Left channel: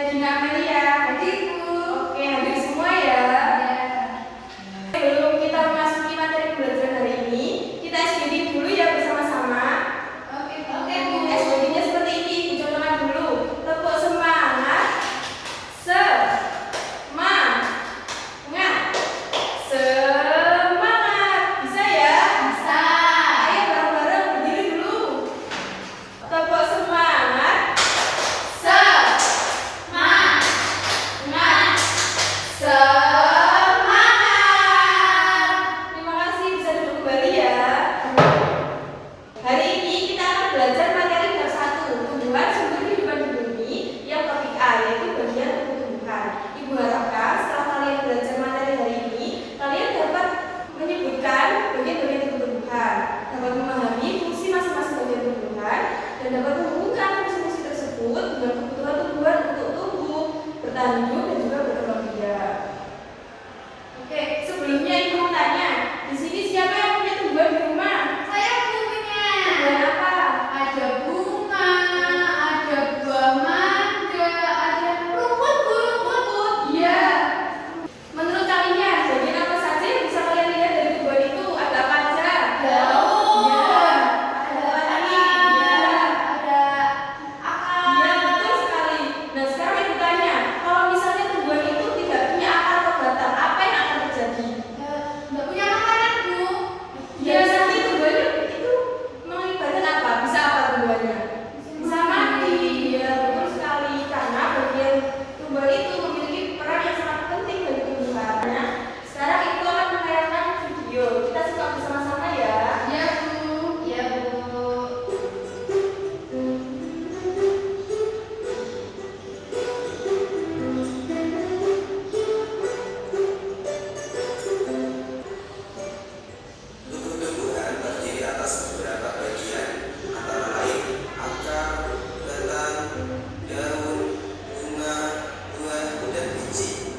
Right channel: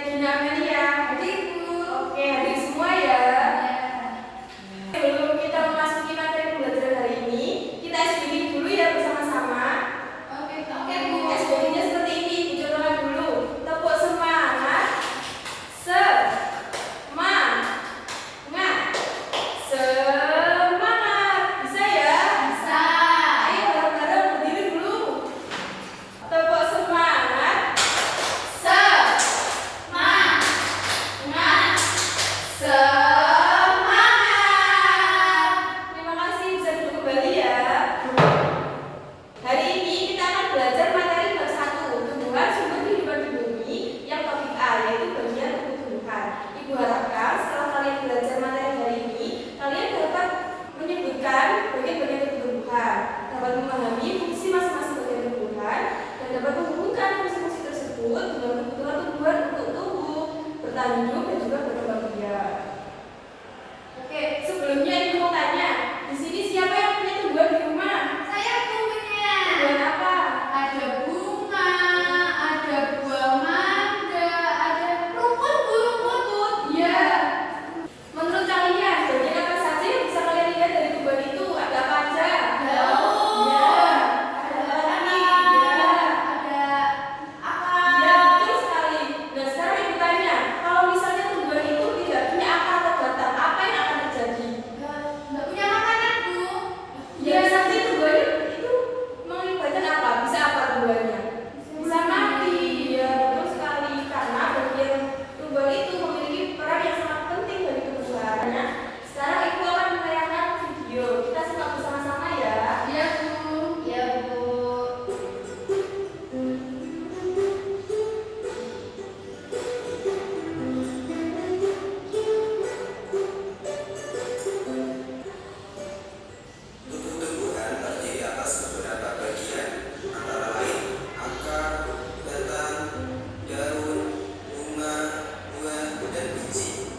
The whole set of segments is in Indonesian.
Regina Amelia. Hadir, Bu. Oke, hadir semua ya. Sebelum kita memasuki materi pembelajaran hari ini, kita SBD dulu ya bersama-sama. Oke, Bu. SBD-nya seperti ini, dicontohkan dulu. Tepuk semangat. Semangat. Bisa ya? Bisa. Ayo bareng-bareng berdiri dulu. Tepuk semangat. Semangat. Terima kasih, bisa duduk kembali ya. Hari ini kita akan belajar materi bab 1, tumbuhan sumber kehidupan di bumi, yang topik A yaitu bagian tumbuh-tumbuhan. Ibu harapkan setelah kalian belajar materi hari ini, kalian dapat menyebutkan bagian-bagian tumbuhan, dapat memahami fungsi masing-masing bagian tumbuhan, dan dapat menghubungkan fungsi-fungsi tersebut dengan kebutuhan tumbuhan untuk tumbuh, bertahan hidup, dan juga berkembang biak. Oke, sebelumnya ibu mau tanya, di sini siapa yang punya tumbuhan di rumah? Saya punya. Tumbuhan apa? Ada bunga, ada buah mangga, ada rumput, Bu, rumput. Iya. Menurut kalian, bagian apa saja yang bisa kalian lihat dari tumbuhan itu? Ada apa aja? Daun. Iya. Ada Ada batang, Iya. ada akar. Iya, betul sekali. Nah, sekarang ibu tanya, kalau misalnya tumbuhan itu tidak punya akar atau batang, apa yang akan terjadi? Nggak punya makanan, Bu. Ya, nanti tumbuhannya itu mengakibatkan apa? Bisa apa tumbuhannya? Bisa mati. Ya, betul sekali. Karena bagian tumbuhan itu memiliki peran yang sangat penting bagi tumbuhan. Nah, sekarang ibu akan menayangkan video. Kita simak bersama-sama ya. Iya, Bu. Iya, Bu. Tumbuh-tumbuhan terdiri atas beberapa bagian, antara lain akar, batang, daun, bunga, buah, dan biji.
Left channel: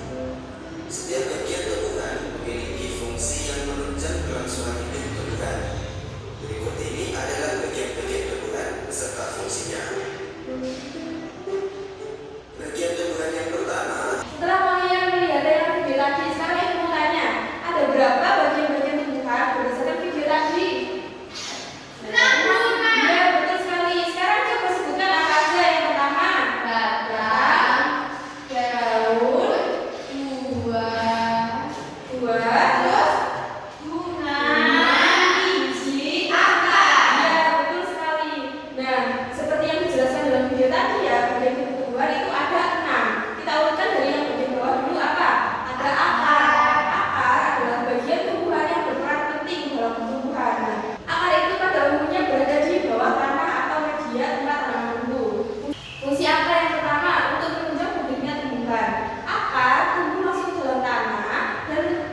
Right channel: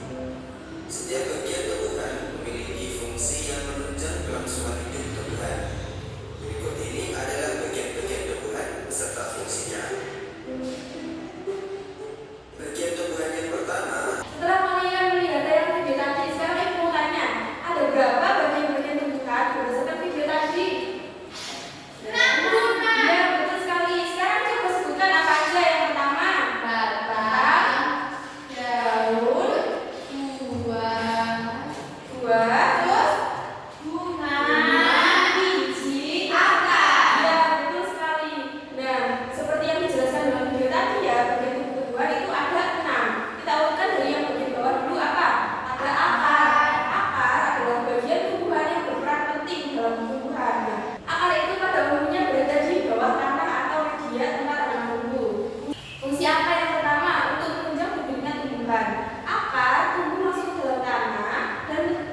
Setiap bagian tumbuhan memiliki fungsi yang menunjang kelangsungan hidup tumbuhan. Berikut ini adalah bagian-bagian tumbuhan beserta fungsinya. Bagian tumbuhan yang pertama. Setelah kalian melihat tayangan video tadi, sekarang ibu mau tanya, ada berapa bagian-bagian tumbuhan berdasarkan video tadi? Bunga. Iya, betul sekali. Sekarang coba sebutkan apa aja. Yang pertama, Batang, daun, buah, terus bunga, biji, akar. iya, betul sekali. Nah, seperti yang dijelaskan dalam video tadi ya, bagian tumbuhan itu ada 6. Kita urutkan dari yang bagian bawah dulu apa? Ada akar. Akar adalah bagian tumbuhan yang berperan penting dalam tumbuhan. Nah, akar itu pada umumnya berada di bawah tanah atau media tempat tanaman tumbuh. Fungsi akar yang pertama untuk menunjang tumbuhnya tumbuhan. Akar tumbuh masuk ke dalam tanah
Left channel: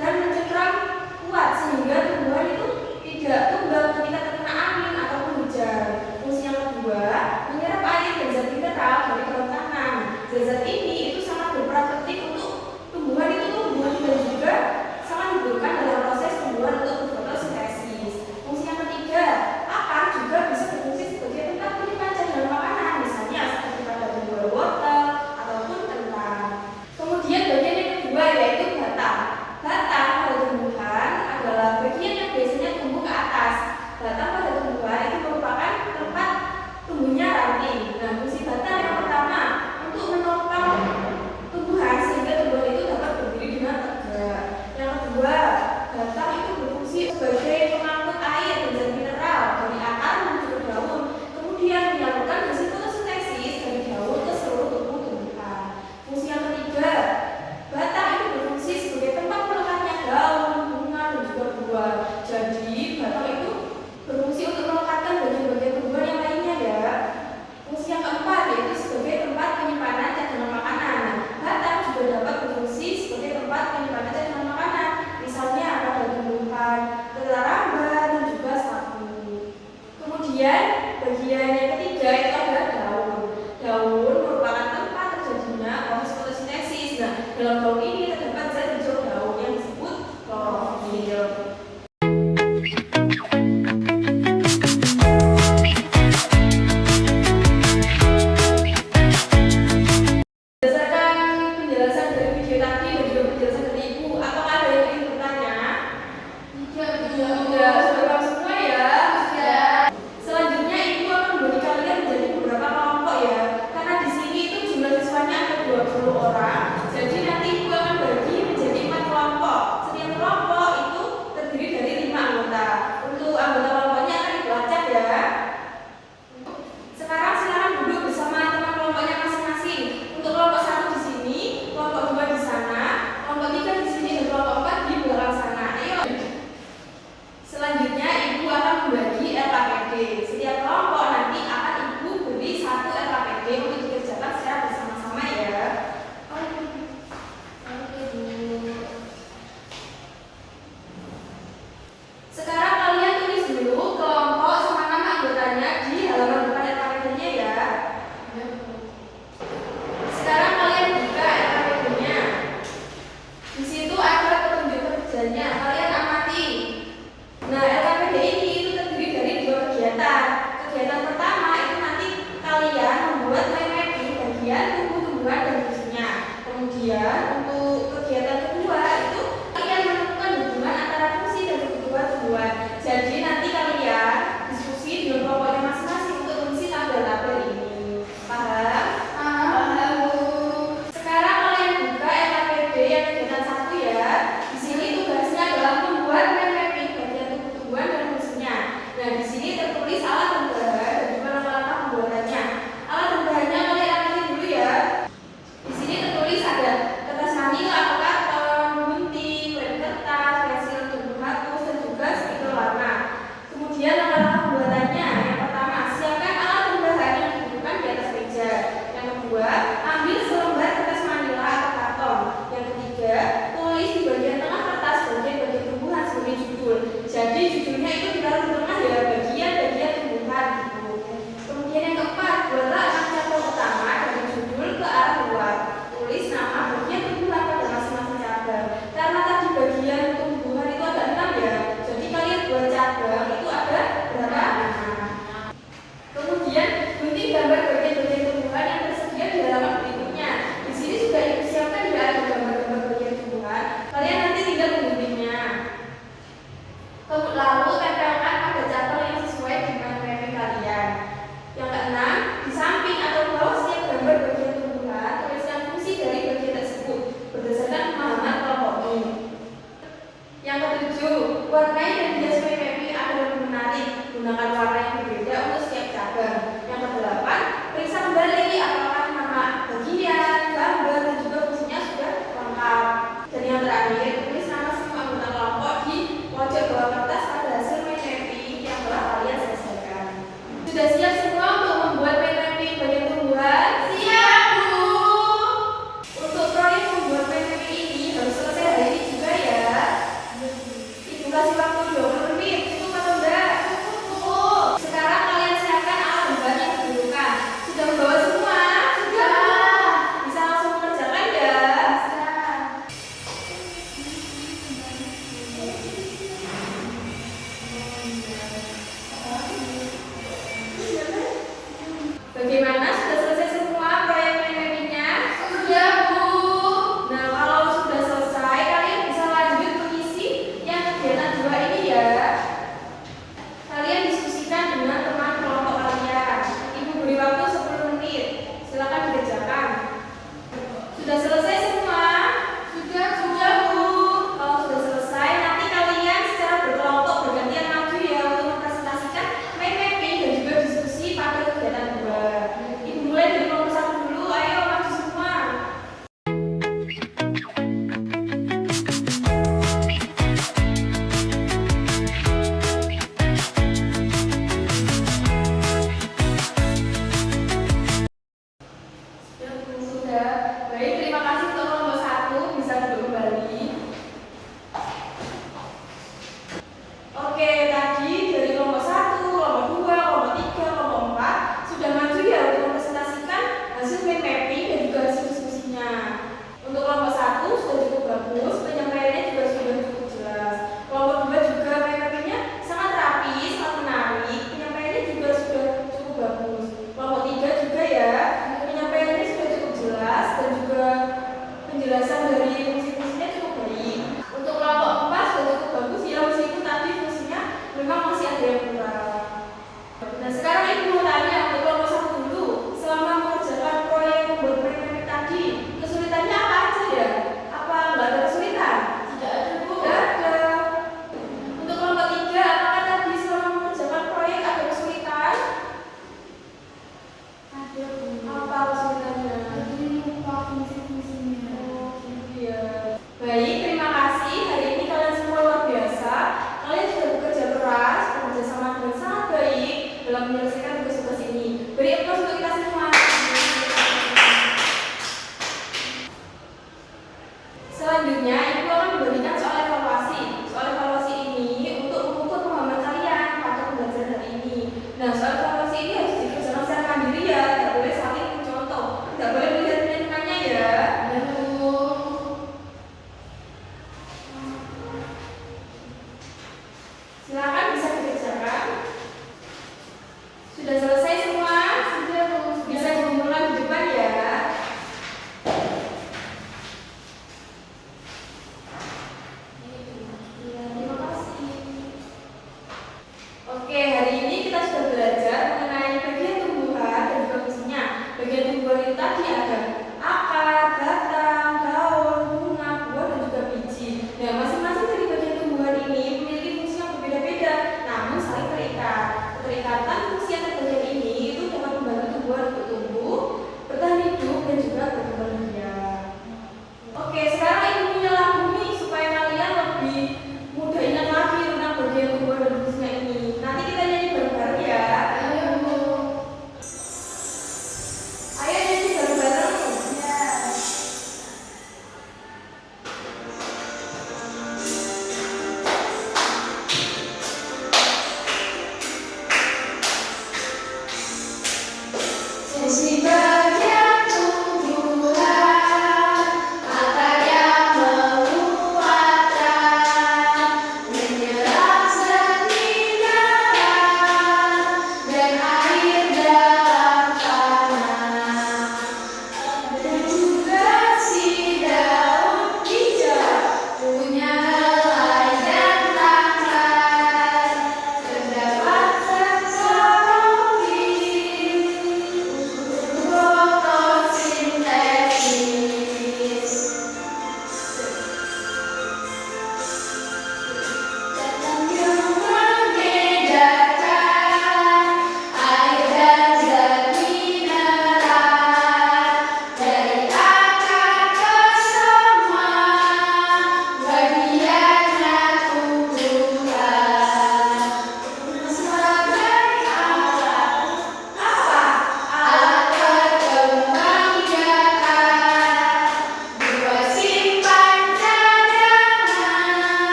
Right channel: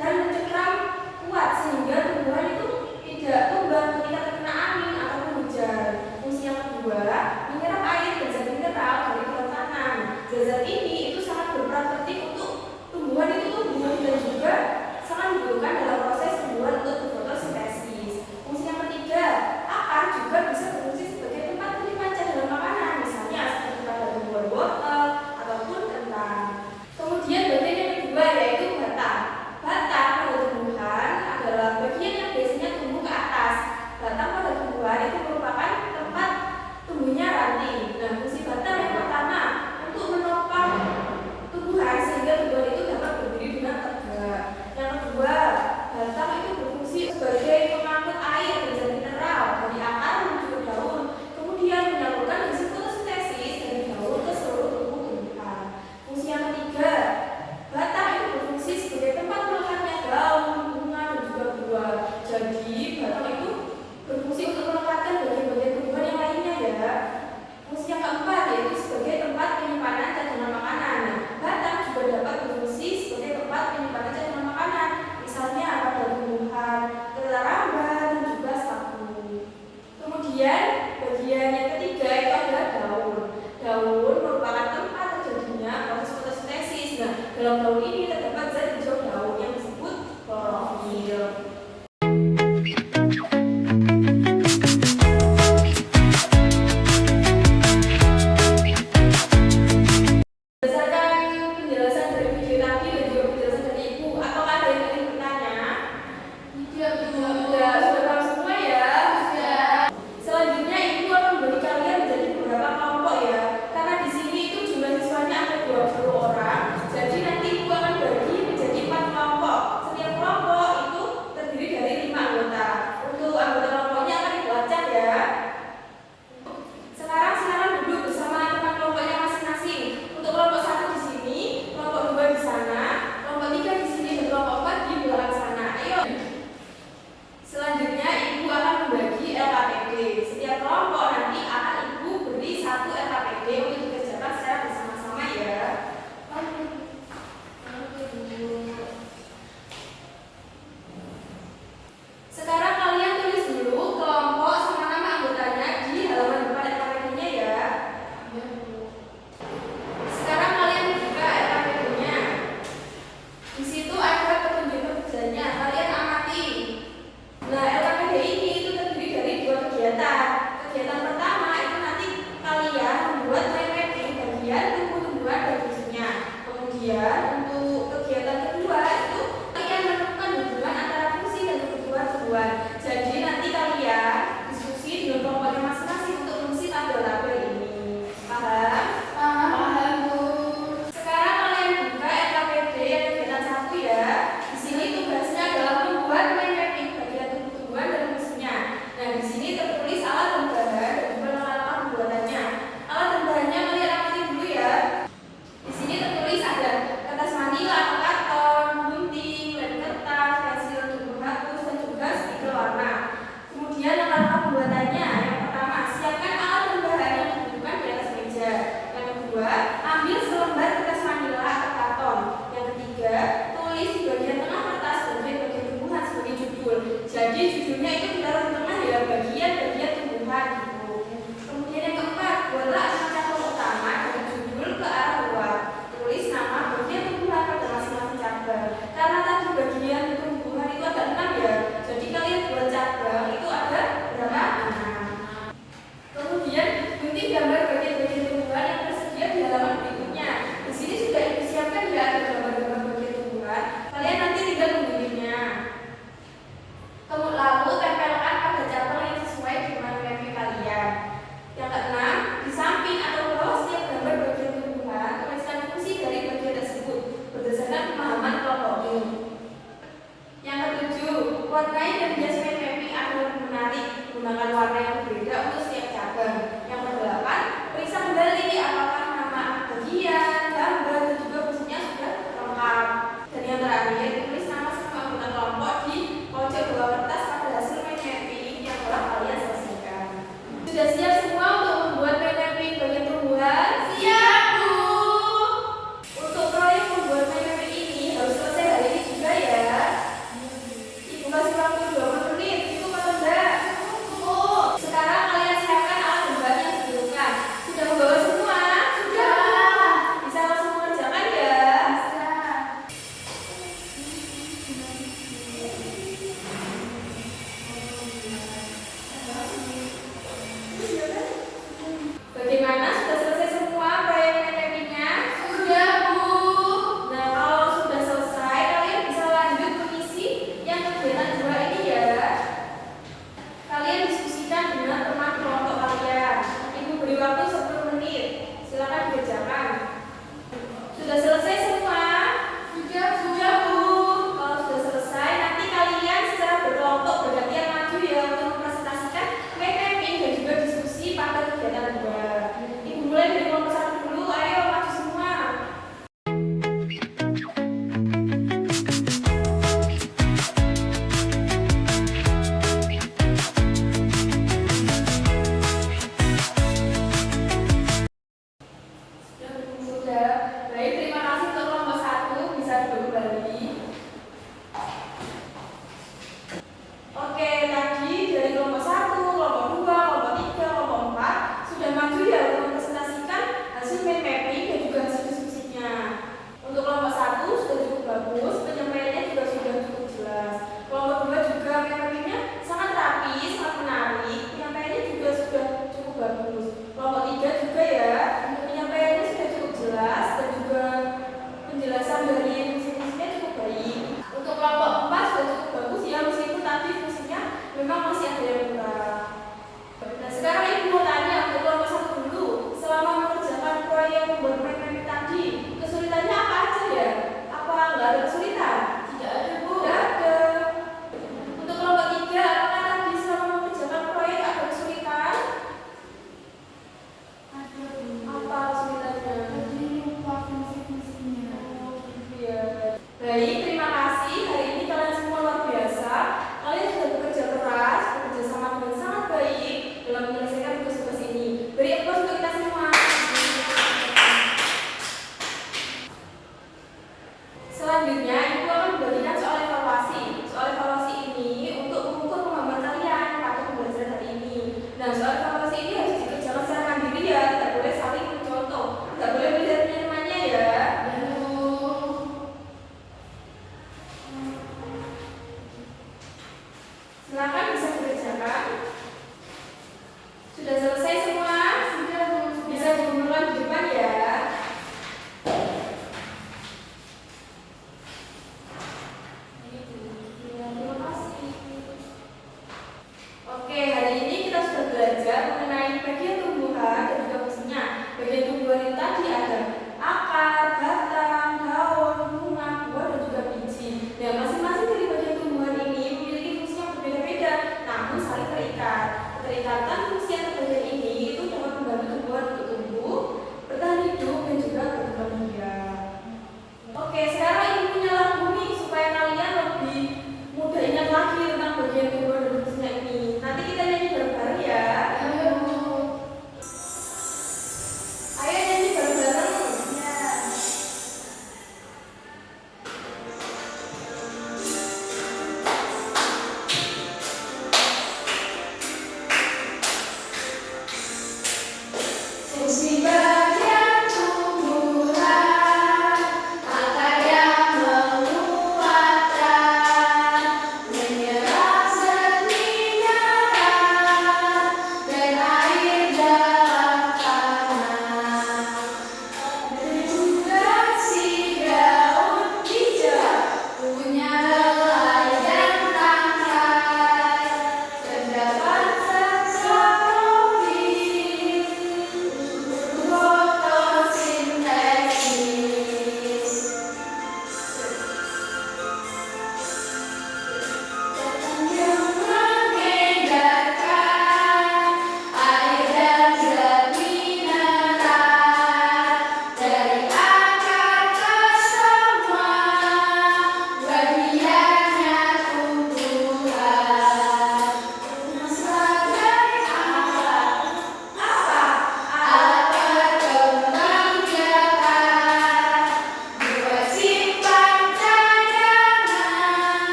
dan mencengkram kuat sehingga tumbuhan itu tidak tumbang ketika terkena angin ataupun hujan. Fungsi yang kedua, menyerap air dan zat mineral dari dalam tanah. Zat-zat ini itu sangat berperan penting untuk tumbuhan itu tumbuh dan juga sangat dibutuhkan dalam proses tumbuhan untuk fotosintesis. Fungsi yang ketiga, akar juga bisa berfungsi sebagai tempat penyimpan cadangan makanan, misalnya seperti pada buah wortel ataupun kentang. Kemudian bagian yang kedua yaitu batang. Batang pada tumbuhan adalah bagian yang biasanya tumbuh ke atas. Batang pada tumbuhan itu merupakan tempat tumbuhnya ranting. Nah, fungsi batang yang pertama untuk menopang tumbuhan sehingga tumbuhan itu dapat berdiri dengan tegak. Yang kedua, batang itu berfungsi sebagai pengangkut air dan zat mineral dari akar menuju ke daun, kemudian menyalurkan hasil fotosintesis dari daun ke seluruh tubuh tumbuhan. Fungsi yang ketiga, batang itu berfungsi sebagai tempat melekatnya daun, bunga, dan juga buah. Jadi, batang itu berfungsi untuk melekatkan bagian-bagian tumbuhan yang lainnya ya. Fungsi yang keempat yaitu sebagai tempat penyimpanan cadangan makanan. Nah, batang juga dapat berfungsi sebagai tempat penyimpanan cadangan makanan, misalnya pada tumbuhan kelaramban dan juga sapu. Kemudian bagian yang ketiga itu adalah daun. Daun merupakan tempat terjadinya proses fotosintesis. Nah, dalam daun ini terdapat zat hijau daun yang disebut klorofil. Kemudian untuk kegiatan kedua itu kalian menentukan hubungan antara fungsi dan kebutuhan tumbuhan. Jadi nanti kalian diskusi dengan kelompoknya masing-masing untuk mengisi tabel-tabel ini. Paham? Paham, Bu. Sekarang kalian buka RKPD yang kegiatan 1 ya. Di sini tugasnya adalah membuat mapping bagian tubuh tumbuhan dan fungsinya. Nah, di sini tertulis alat dan bahan dan juga langkah-langkah pembuatannya. Alat dan bahannya kalian amati dulu ya. Di sini tertulis ada kertas manila, atau karton,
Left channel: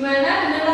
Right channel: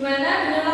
Gimana? Bener